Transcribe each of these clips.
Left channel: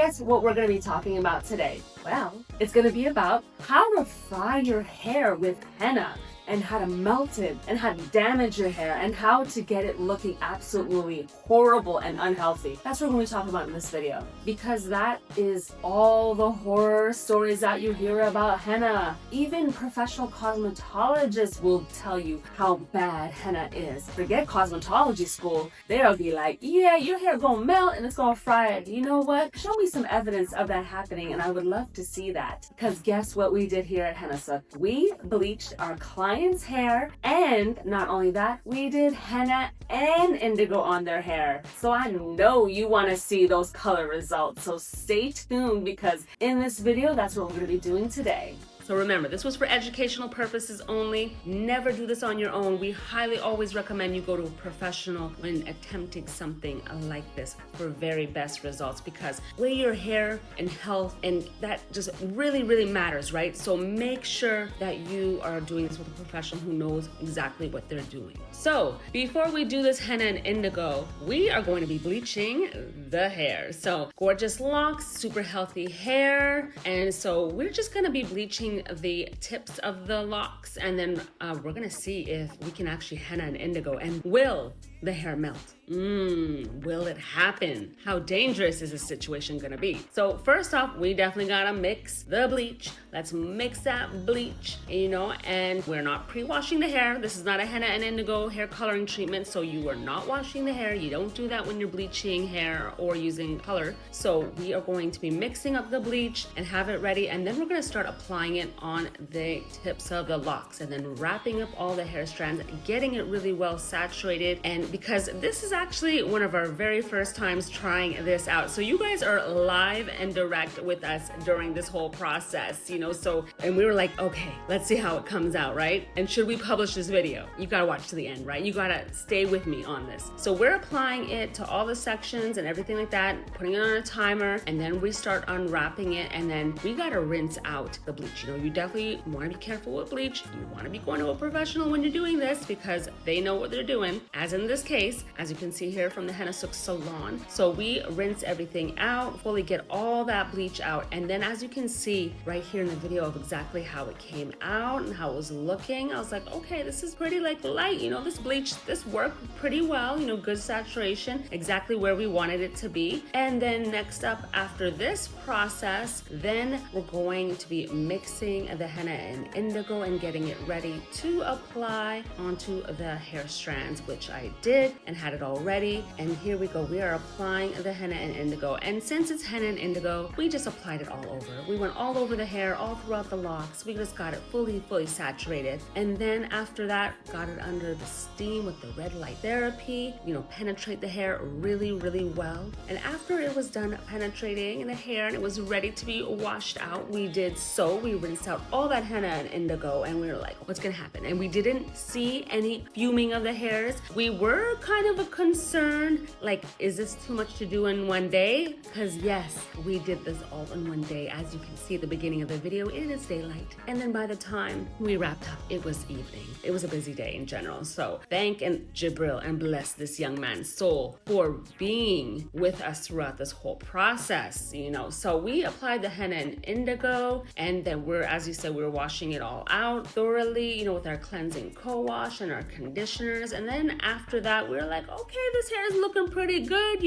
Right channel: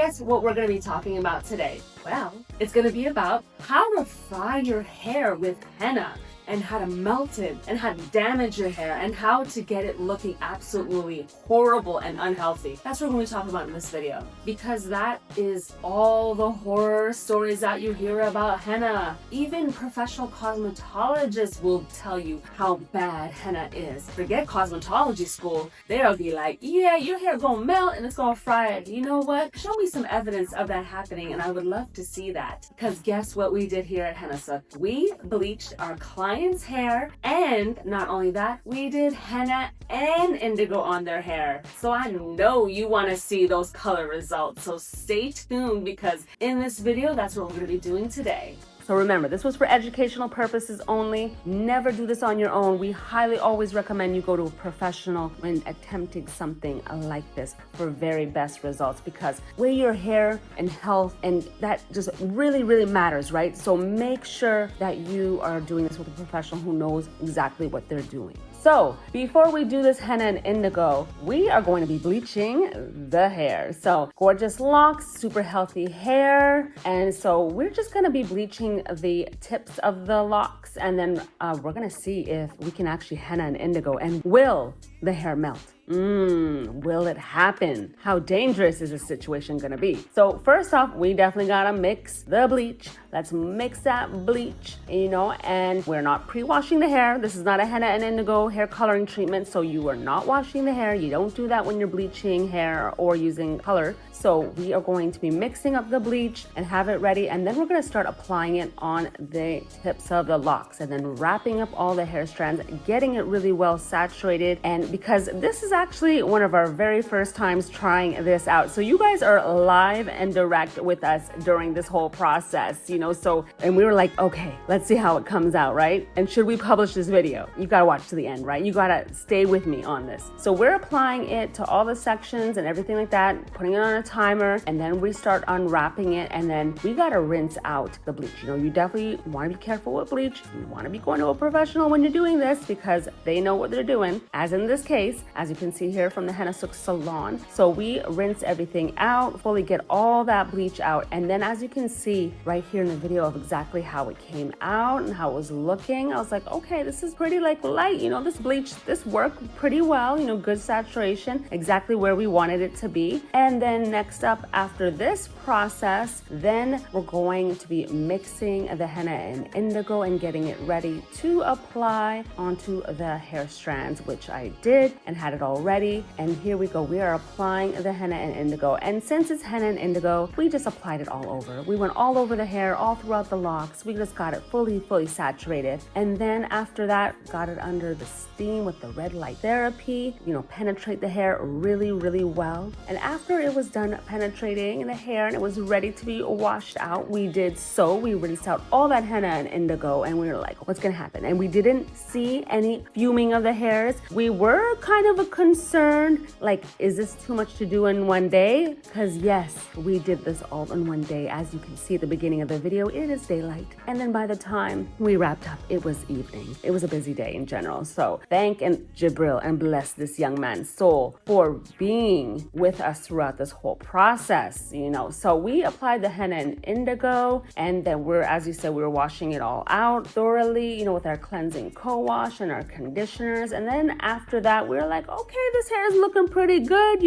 guess what we're going to be talking about today? Well, it's going to be about how to fry your hair with henna, and how to melt it, and how to damage your hair, and how to get it looking absolutely horrible and unhealthy. That's what we're going to talk about in this video, because that is all the horror stories that you hear about henna. Even professional cosmetologists will tell you how bad henna is. Forget cosmetology school, they'll be like, yeah, your hair gonna melt and it's gonna fry it. You know what? Show me some evidence of that happening, and I would love to see that. Because guess what we did here at Hennasooq? We bleached our clients' hair, and not only that, we did henna and indigo on their hair. So I know you want to see those color results, so stay tuned, because in this video, that's what we're going to be doing today. So remember, this was for educational purposes only. Never do this on your own. We highly always recommend you go to a professional when attempting something like this for very best results, because with your hair and health, and that just really, really matters, right? So make sure that you are doing this with a professional who knows exactly what they're doing. So before we do this henna and indigo, we are going to be bleaching the hair. So gorgeous locks, super healthy hair. And so we're just going to be bleaching the tips of the locks, and then we're gonna see if we can actually henna and indigo, and will the hair melt? Will it happen? How dangerous is this situation gonna be? So first off, we definitely gotta mix the bleach. Let's mix that bleach, and we're not pre-washing the hair. This is not a henna and indigo hair coloring treatment, so you are not washing the hair. You don't do that when you're bleaching hair or using color. So we are going to be mixing up the bleach and have it ready, and then we're gonna start applying it on the tips of the locks, and then wrapping up all the hair strands, getting it really well saturated. And because this is actually one of our very first times trying this out, so you guys are live and direct with us during this whole process, and we were like, okay, let's see how it comes out, right? And should we publish this video? You gotta watch to the end, right? You gotta stay with me on this. So we're applying it to all the sections and everything like that, putting it on a timer, and then we start unwrapping it, and then we gotta rinse out the bleach. You definitely want to be careful with bleach. You want to be going to a professional when you're doing this, because they know what they're doing, as in this case, as you can see here from the Hennasooq salon. So we rinse everything out, fully get all that bleach out, and then as you can see right here in the video of exactly how it came out and how it was looking, I was like, okay, this is pretty light. This bleach, this worked pretty well, good saturation, exactly where we wanted it to be. And then next up, after this process, then we're going to be mixing the henna and indigo and getting it ready to apply onto the hair strands, which I did and had it all ready. And here we go, we are applying the henna and indigo. And since it's henna and indigo, we just applied it all over. We went all over the hair, all throughout the locks. We just got it fully saturated. And then after that, got it under the steam with the red light therapy, penetrate the hair really, really well. And after it was done penetrating the hair and it was ready to be washed out, we rinsed out all that henna and indigo, and we were like, what's gonna happen? And we didn't see any fuming of the hairs. We were kind of concerned, like, is this too much to do in one day? Because yes, we did this all in one day. As you can see at the beginning of the video, it is daylight. And then by the time we wrapped up, it was evening. It was a busy day in general. So thank and Jibril and bless this young man's soul for being with us throughout this whole process, So we applied the henna and indigo, and then as you said, we were washing it all out thoroughly, with our cleansing co-wash and our conditioners. And then after that, we were like, okay, this hair is looking pretty good,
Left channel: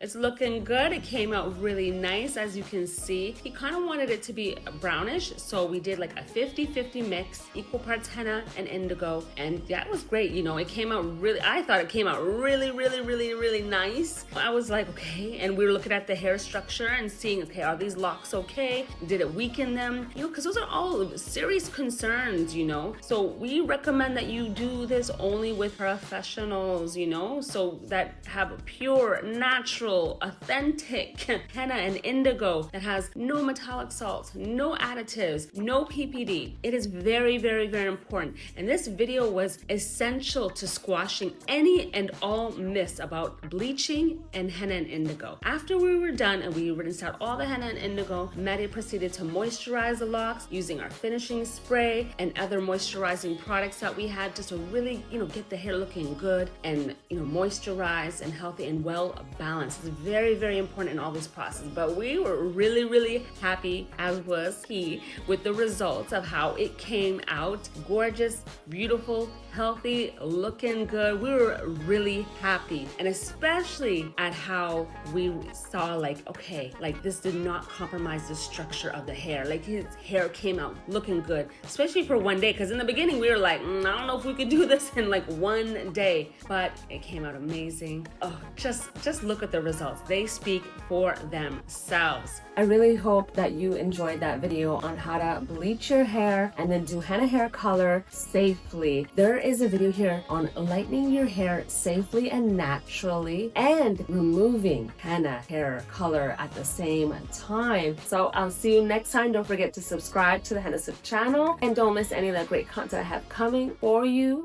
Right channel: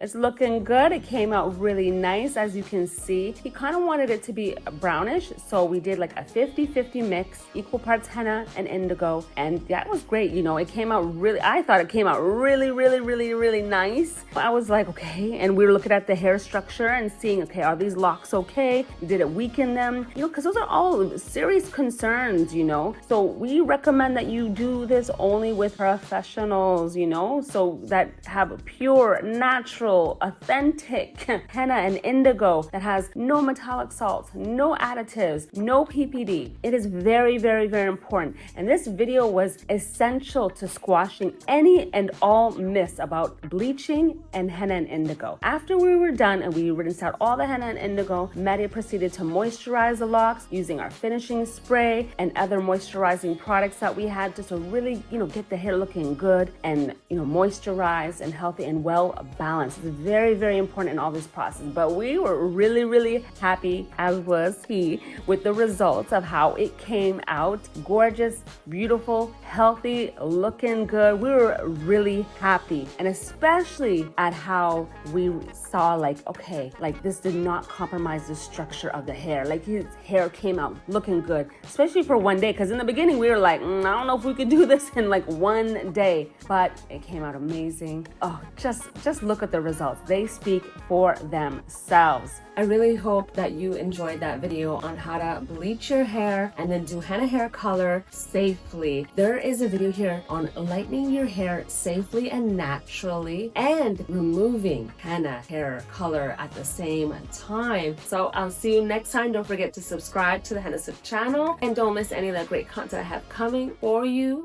It's looking good. It came out really nice. As you can see, he kind of wanted it to be brownish, so we did like a 50-50 mix, equal parts henna and indigo. And yeah, it was great. It came out I thought it came out really, really, really, really nice. I was like, okay. And we were looking at the hair structure and seeing, okay, are these locks okay? Did it weaken them? Because those are all serious concerns, So we recommend that you do this only with professionals, so that have pure, natural, authentic henna and indigo that has no metallic salts, no additives, no PPD. It is very, very, very important. And this video was essential to squashing any and all myths about bleaching and henna and indigo. After we were done and we rinsed out all the henna and indigo, Maddie proceeded to moisturize the locks using our finishing spray and other moisturizing products that we had, just to really, get the hair looking good and, moisturized and healthy and well balanced. It's very, very important in all this process. But we were really, really happy, as was he, with the results of how it came out. Gorgeous, beautiful, healthy, looking good. We were really happy, and especially at how we saw, like, okay, like this did not compromise the structure of the hair. Like his hair came out looking good, especially for one day, because in the beginning we were like, I don't know if we could do this in like one day, but it came out amazing. Oh, just look at the results. They speak for themselves. I really hope that you enjoyed that video on how to bleach your hair and then do henna hair color safely. There is a video here on lightening your hair safely and naturally and removing henna hair color at the same time. So I'll see you next time. Don't forget to subscribe to the Hennasooq channel and don't miss any of the great content I have coming for you.